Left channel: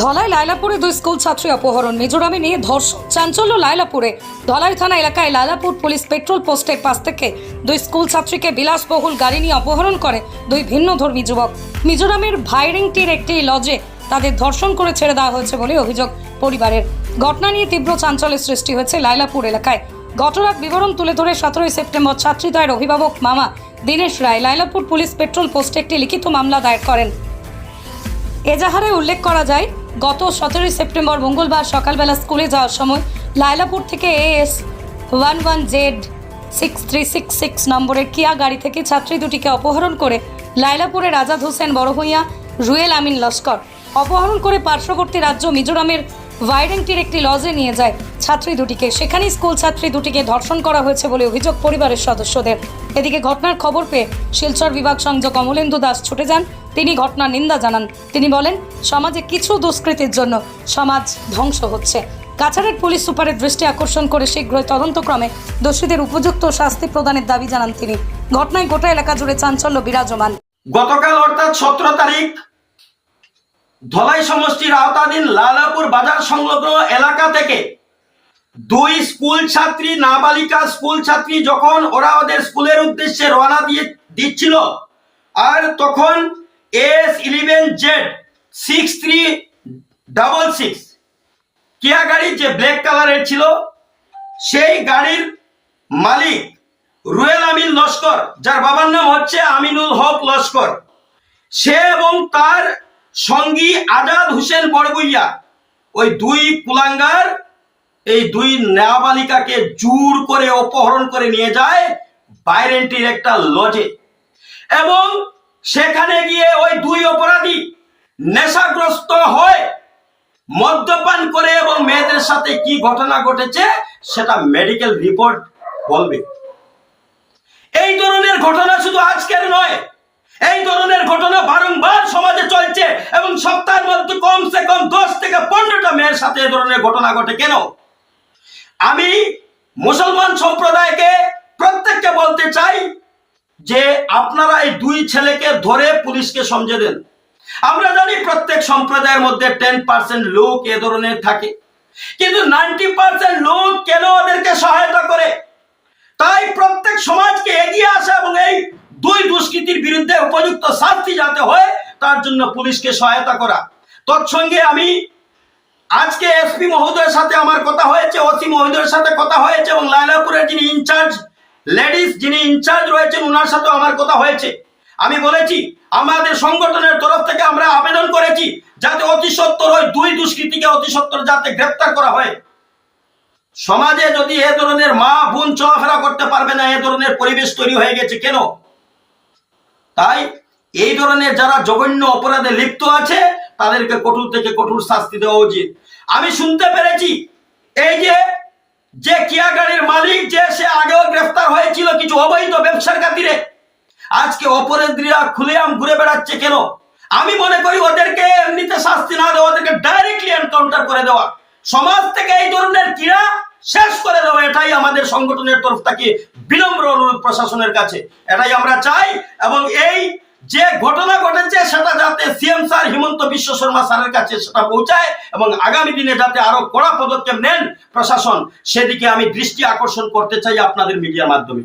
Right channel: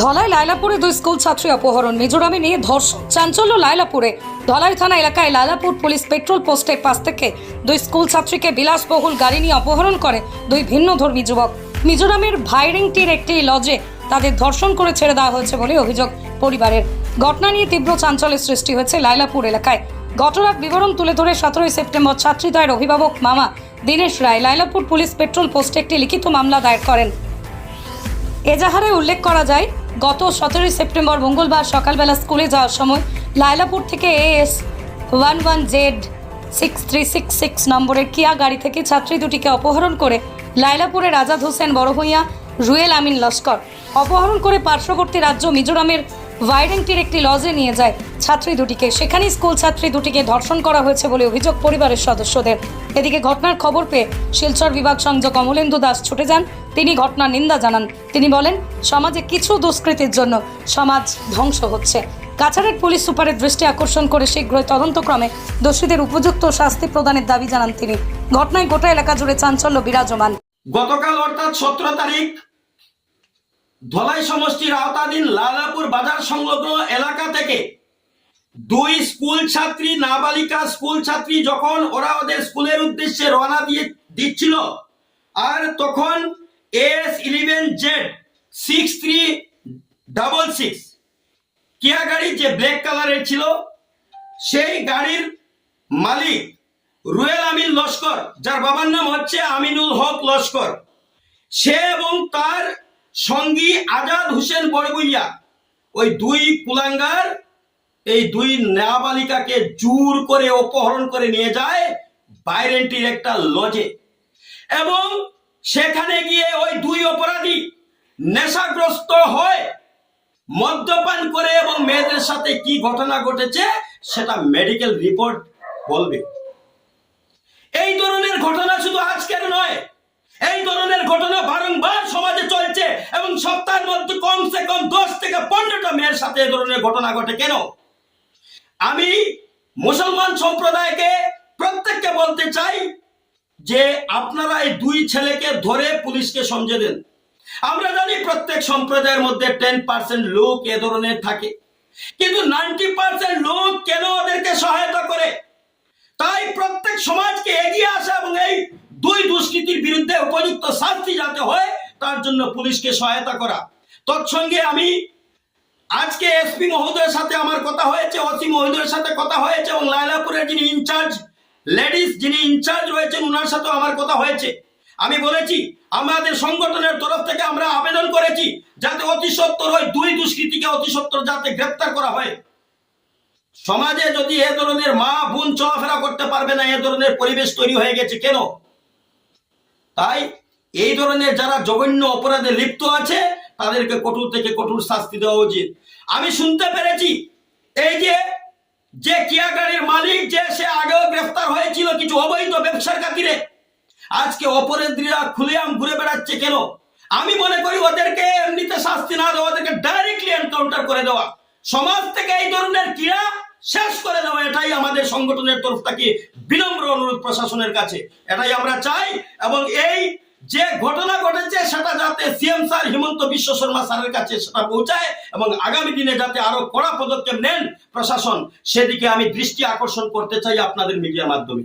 ধলাই লাইলাপুরে দুই স্কুল ছাত্রী অপহরণ, মিজোরামে নিয়ে ধর্ষণ, চাঞ্চল্য লাইলাপুরে। ধলাই থানা এলাকায় লাইলাপুর পুলিশ পেট্রোল পোস্টের পাশ থেকে দুই স্কুল ছাত্রীকে বিলাসবহুল গাড়ি নিয়ে অপহরণ করে দুই ভিন্নধর্মী যুবক। মিজোরামের ভাইরিংটির একটি লজে তাদের ধর্ষণ করে ছেড়ে দেওয়া হয়েছে বলে অভিযোগ পরিবারের। ঘটনা নিয়ে তীব্র চাঞ্চল্যের সৃষ্টি হয়েছে লাইলাপুর এলাকায়। ঘটনার বিবরণ তুলে ধরে 17 সেপ্টেম্বর ছাত্রীদ্বয়ের অভিভাবক মামা দীনেশ রায় লাইলাপুর পুলিশ পেট্রোল পোস্টে একটি লিখিত মামলা দায়ের করেন। এজাহারে উল্লেখ করা যায়, গত 17 সেপ্টেম্বর মঙ্গলবার সকালবেলা স্কুলে যাওয়ার সময় লাইলাপুর থেকে AS 11Z6366 নম্বরের কিয়া গাড়ি থেকে ছাত্রী দুটিকে অপহরণ করে লাইলাপুরের আজাদ হোসেন বড়ভূঁইয়া রুয়েল আমিন লস্কর অপহরণ করে পার্শ্ববর্তী রাজ্য মিজোরামের ভাইরেংটির একটি লজে নিয়ে যায় ছাত্রী দুটিকে। সেখানে স্কুল ছাত্রী দুটিকে ধর্ষণ করা হয়েছে বলে অভিযোগ পরিবারের সদস্যদের। এদিকে ঘটনার খবর পেয়ে শিলচর বিভাগ সংযোগ কমলেন্দু দাস ছুটে যান। তিনি ঘটনার নিন্দা জানান। তিনি বলেন, সমাজে কিছু দুষ্কৃতির জন্য সমাজ ধ্বংস হচ্ছে। কাছাড়ের পুলিশ সুপারের দৃষ্টি আকর্ষণ করে শীঘ্রই তদন্তক্রমে দোষীদের উপযুক্ত শাস্তি প্রদানের দাবি জানান তিনি। ঘটনায় গোটা এলাকা জুড়ে চাঞ্চল্য বিরাজমান। গতকাল অর্থাৎ 17 তারিখ ধলাই সমষ্টির আওতাধীন লালাপুর বাজার সংলগ্ন এলাকা থেকে দুই স্কুল ছাত্রী, নাবালিকা স্কুল ছাত্রী, যখন ওরা ওদের স্কুলের উদ্দেশ্যে রওনা দিচ্ছিল, আর তখন AS11Z6366 কিয়া গাড়ি যে ব্ল্যাক কালারের ছিল, সেই গাড়ির মালিক রুয়েল আমিন লস্কর, যার বাবার নাম হচ্ছে আমিনুল হক লস্কর, সে এবং তার সঙ্গী আজাদ হোসেন বড়ভূঁইয়া, ওই দুই কুলাঙ্গার এই দুই নাবালিকাকে জোর করে অপহরণ করে নিয়ে যায় বাইরেন্টির একটা লজে। এবং সেখানে গিয়ে ওই দুই অপরাধী নেশাগ্রস্ত হয়, মদ্যপান করে, এবং মেয়েদের সাথে কি ঘটনা ঘটেছে সেটা মেডিকেল রিপোর্ট বলবে। এই ধরনের ঘটনা শুধু আজকের নয়, এই ধরনের ঘটনা বারংবার সমাজে চলছে এবং সপ্তাহের মধ্যে কমসে কম 10 থেকে 15টা মেয়ের সাথে এই ধরনের ঘটনা ঘটে। কেন? আমি মুসলমান সম্প্রদায়কে প্রত্যেককে বলতে চাই যে আপনারা এই দুই ছেলেকে ধরে পুলিশকে সমঝে দেন। আমরা জানি প্রত্যেক সম্প্রদায়ের মধ্যে 10% লোক এ ধরনের থাকে, কিন্তু 90% লোক কেন ওদেরকে সহায়তা করে? তাই প্রত্যেক সমাজকে এগিয়ে আসা এবং এই দুই দুষ্কৃতির বিরুদ্ধে উপযুক্ত শাস্তি যাতে হয় তার জন্য পুলিশকে সহায়তা করা। তৎসঙ্গে আমি আজকে এসপি মহোদয়ের সাথে আমার কথা হয়েছে, ওসি মহোদয়ের সাথে কথা হয়েছে, এবং লাইলাপুরের যিনি ইনচার্জ লেডিস যিনি ইনচার্জ রয়েছেন ওনার সাথে আমার কথা হয়েছে। আমি বলেছি আমাদের সংগঠনের তরফ থেকে আমরা আবেদন করেছি যাতে অতি সত্বর ওই দুই দুষ্কৃতীকে অতি সত্বর যাতে গ্রেফতার করা হয়। সমাজে যদি এ ধরনের মা বোন চলাফেরা করতে পারবে না, এ ধরনের পরিবেশ তৈরি হয়ে গেছে কেন? তাই এই ধরনের যারা জঘন্য অপরাধে লিপ্ত আছে তাদেরকে কঠোর থেকে কঠোর শাস্তি দেওয়া উচিত। আমি শুনতে পেরেছি এই যে কিয়া গাড়ির মালিক যে সে আগেও গ্রেফতার হয়েছিল কিছু অবৈধ ব্যবসার খাতিরে, আজকে অপরাধীরা খুলেআম ঘুরে বেড়াচ্ছে কেন? আমি মনে করি ওদেরকে এমনিতে শাস্তি না দেওয়া, ওদেরকে ডাইরেক্টলি এনকাউন্টার করে দেওয়া, সমাজ থেকে এই ধরনের ক্রীড়া শেষ করে দেওয়া, এটাই আমাদের সংগঠনের তরফ থেকে বিনম্র অনুরোধ প্রশাসনের কাছে। এটাই আমরা চাই। এবং এই যে ঘটনা ঘটেছে সেটা যাতে সিএম স্যার হিমন্ত বিশ্ব শর্মা স্যারের কাছে সেটা পৌঁছায় এবং আগামী দিনে যাতে আরো কড়া পদক্ষেপ নেন প্রশাসন, সেদিকে আমি দৃষ্টি আকর্ষণ করতে চাই আপনাদের মিডিয়ার মাধ্যমে।